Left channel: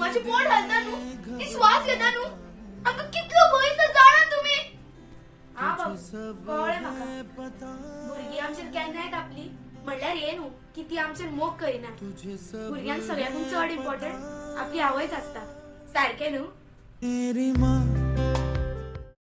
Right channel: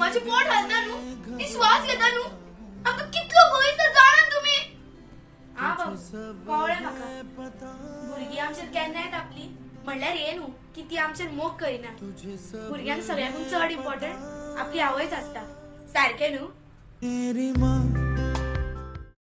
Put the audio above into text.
माझे पोट हलता नु मी श्वास घेता नु आमका कितलो गोयस जाणा तुम्ही हा बाबू कळ्ळें म्हाका भुरगीं आमचेर केन्नाय टापली म्हणल्यार हे न्हू की ती आमचेर मोग करिना भुरग्यांक सगळ्यांकून चड इम्पॉर्टंट आपली आवयच आसता सारकें न्हू